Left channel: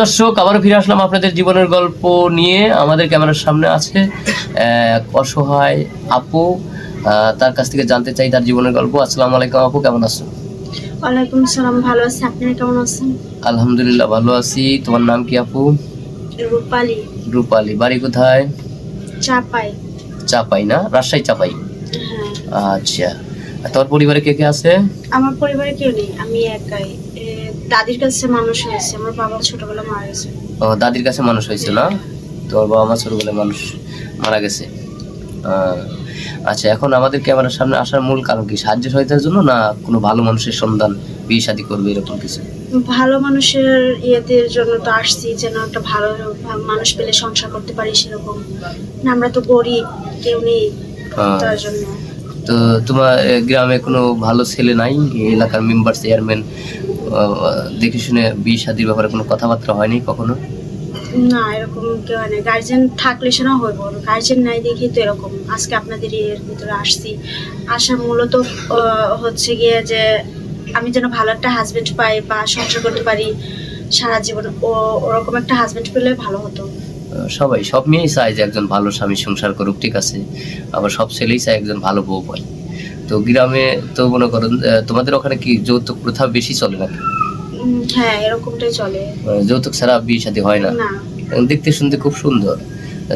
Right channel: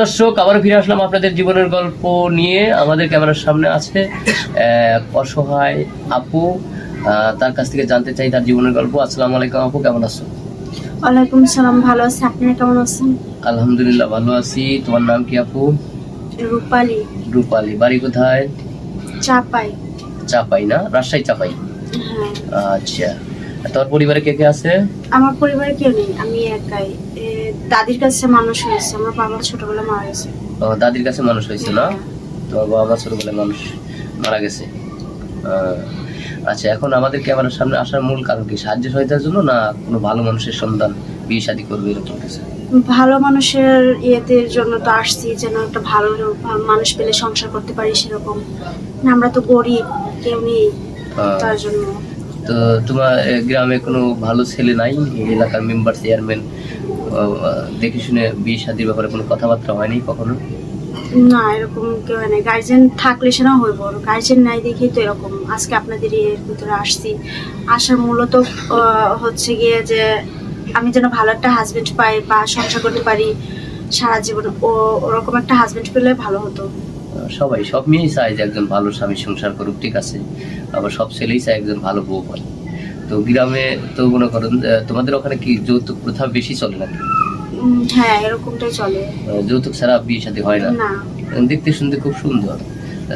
দর্শক আবার ফিরে আসলাম আপনাদের জীবনের গল্প নিয়ে। আমাদের ক্যামেরার সামনে আছে অসহায় আপু তার কাছ থেকে জানতে চাই তার জীবনের গল্প। আসসালামু আলাইকুম আপু কেমন আছো? ওয়ালাইকুম সালাম ভালো আছি। আপনারা কেমন আছেন? আলহামদুলিল্লাহ ভালো আছি। তোমার নাম কি আপু? রূপালি। রূপালী। বাড়ি কোথায়? চাপাই। চাপাই না? রাজশাহী চাপাই? হ্যাঁ। আচ্ছা। তোমার পরিবারে কে কে আছে? আমার পরিবারে কেউ নেই আমি একাই। দাদির কাছে মানুষ হয়েছে আমার বাবা ছোটবেলা মারা গেছে। ও, দাদির কাছে মানুষ হয়েছে না তোমার বাবা মা ছোটবেলায় মানুষ মারা গেছে? আচ্ছা এখন আমাদের ক্যামেরার সামনে আসার মূল কারণ কি? সাহায্য সহায়তার জন্য না কোনো ভালো মানুষের সন্ধান বিয়ে শাদী করবে এরকম কিছু? ভালো মানুষের ইয়েদের জন্য তো আসছি যেন একটা ভালো মানুষ পেলে সংসার করতে পারি সেরকম। না, আমরা তো গরিব কেউ নেই তার জন্য। তো তোমার গ্রামে কোনো ভালো ছেলে নাই? এলাকার মেম্বার চেয়ারম্যান দেখে শুনে বিয়ে শাদীর ব্যাপারে কোনো কথাবার্তা হয়নি কখনো? না এরকম কেউ হয় না গার্জেন থাকলে সেটা হইব। গার্জেন নাই দেখেই তো এরকম। আজকে আপনাদের এর ভিতরে আসছি। আসার মূলত হচ্ছে গিয়ে যে আমি যেন ভালো একটা হাজবেন্ড পাই বা সংসার করতে পারি সারা জীবন ও ওরকম একটা হাজবেন্ড পেলে ভালো হতো। সবাই সব মেয়েই চায় যে একজন ভালো স্বামী সংসার করুক ঠিক আছে? আবার সব ছেলেই চায় একজন ভালো বউ পায় তো গ্রামে তো মনে করেন তোমাদের ওখানে কি যৌতুক প্রথা বেশি চলে নাকি? হ্যাঁ এরকমটাই চলে। যৌতুক ছাড়া বিয়ে শাদী হয় না। দেখতে শুনতে খুব সুন্দর।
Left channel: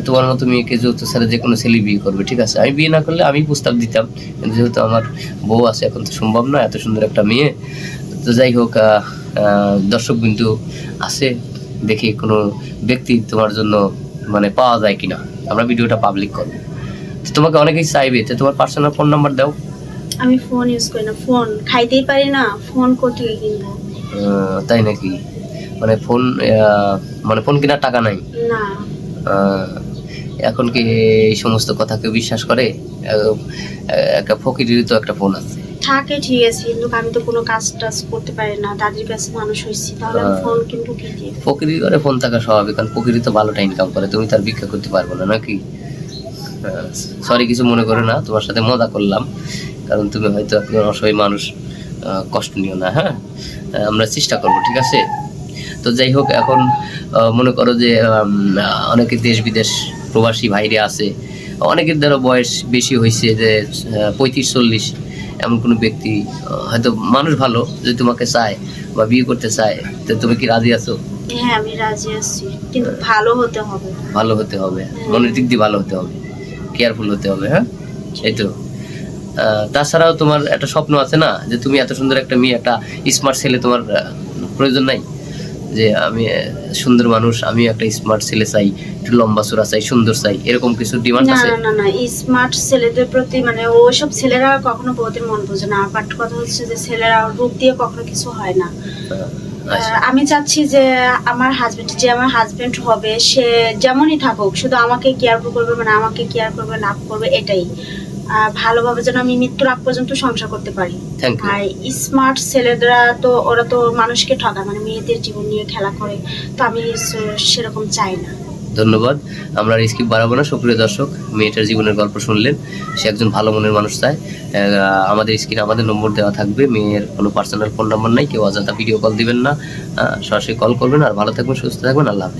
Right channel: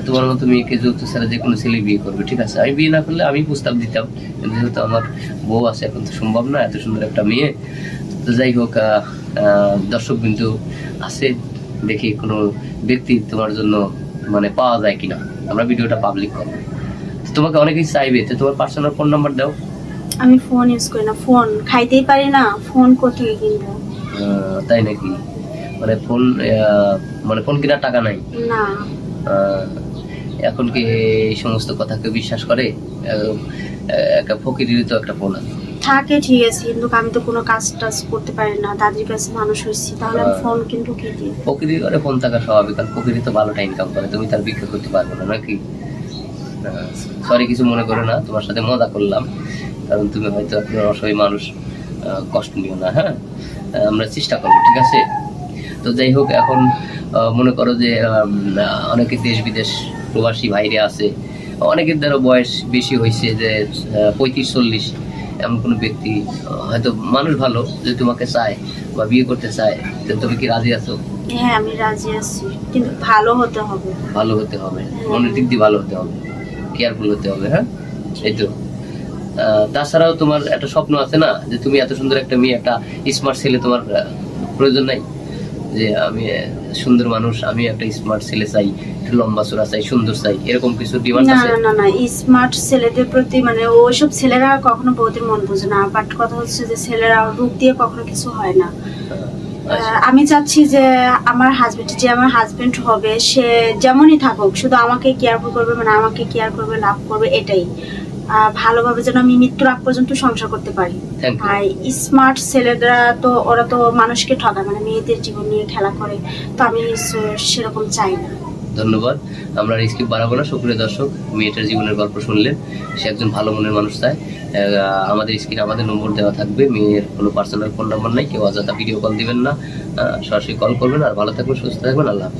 তোমার মতো মেয়েকে যৌতুক ছাড়া যে কোনো ছেলে বিয়ে করবে ঠিক আছে? আমি বিয়ে না করলে আমি প্রস্তাব দিতাম কিন্তু যেহেতু আমার বউ আছে এখন তো সম্ভব না এত সুন্দর একটা মেয়ে। তো যাই হোক দর্শক বিন্দু আছে দেখি কোনো ব্যক্তি তোমার জন্য মানে পাওয়া যায় কিনা। আমরা ভিডিওটা পাবলিক করব। তোমাকে অনেকেই চাইবে তো তোমার পার্সোনাল ফোন নাম্বার দাও। আমি ফোন ইউজ করি না। ফোন খাইতেই পারি না ফোন কোথেকে কিনবো তাই নাকি? মানে ফোন মানে ফোন কেনার টাকা নাই? না। এখন কি এই সমস্ত কথা কেউ বিশ্বাস করে? একটা ফকিরেরই তো একটা ফোন আছে। থাকে ঠিক আছে কিন্তু আমি তো কোনো কাজ টাজ করতে পারি না। দাদির কাছে মানুষ হয়েছি তাহলে আমি। ফোন কিনবো কি দিয়ে? ফকিরি করে ফোন থাকা স্বাভাবিক কারণ ফকিরি তো ভালোটা ইনকাম করে। তুমি তার ভিক্ষা করতে পারবে না নাকি? সরি কিছু মনে করো না তোমার সাথে মজা করলাম। কারণ তুমি হয়তো একজন অসহায় মানুষ কষ্ট নিও না হ্যাঁ? আমরা চেষ্টা করব ঠিক আছে? তো যাই হোক এখন মনে করো যে অনেকে দেশ বিদেশ প্রবাসী ভাইরে আছে। অনেকের দ্বারা বয়স বেশি হয়েছে যে পঁয়ত্রিশ চল্লিশ। এমন কোনো ব্যক্তি হয়তো মানুষ ভালো যে তোমাকে চায় বা বিয়ে করতে চায়। তো তুমি কি রাজি আছো? হ্যাঁ আমি রাজি আছি। কিন্তু ভালো হতে হবে। ভালো হতে হবে। মনের দিক দিয়ে ভালো হতে হবে। কেয়ারফুল হতে হবে হ্যাঁ? এই তো। তাছাড়াও তোমার একটা স্বপ্ন আছে না যে তুমি এত সুন্দর একটা মেয়ে একটা স্মার্ট ছেলে তোমার প্রয়োজন নাই? যে আমি সুন্দর মানুষ আমি একটা স্মার্ট ছেলে চাই একটু লম্বা চূড়া চাই সুন্দর চাই এরকম কিছু ডিমান্ড আছে? না না না স্মার্ট ছেলেদের প্রতি মানে ওইসব ছেলেরা কখনো বউদের মন বোঝে না বাট কথা হচ্ছে যে ছেলেরা রূপ দিয়ে কখনো কিছু হয় না। আচ্ছা। আমি চাচ্ছি যে আমার হাজবেন্ড যে আমার হাজবেন্ড হবে সে যেমনই থাকুক শুধু আমাকে কেয়ারফুল করবে মানে আমাকে কেয়ার করবে লাভ করবে এটাই। ভালোভাবে যেন আমি মৃত্যুর আগ পর্যন্ত সংসার করতে পারি। আর স্মার্ট ছেলেরা তো ওরা তো মানুষকে ঠকায় মানে মেয়েদের জীবন নিয়ে খেলা করে তো আমি সেরকম চাই না। ধন্যবাদ। আমরা স্কিপ বাড়াবো না সুপ্রিয় দর্শক মেয়েটার জীবনের গল্প শুনলেন। সে একজন ভালো মনের মানুষ চায় আমাদের স্ক্রিনে আমাদের নম্বর দেওয়া থাকবে। মেয়ের কোনো পার্সোনাল ফোন নাম্বার নাই কেউ অযথা ভিডিও কল দিবেন না। সরাসরি কল করবেন আর ভালো থাকবেন সুস্থ থাকবেন আল্লাহ।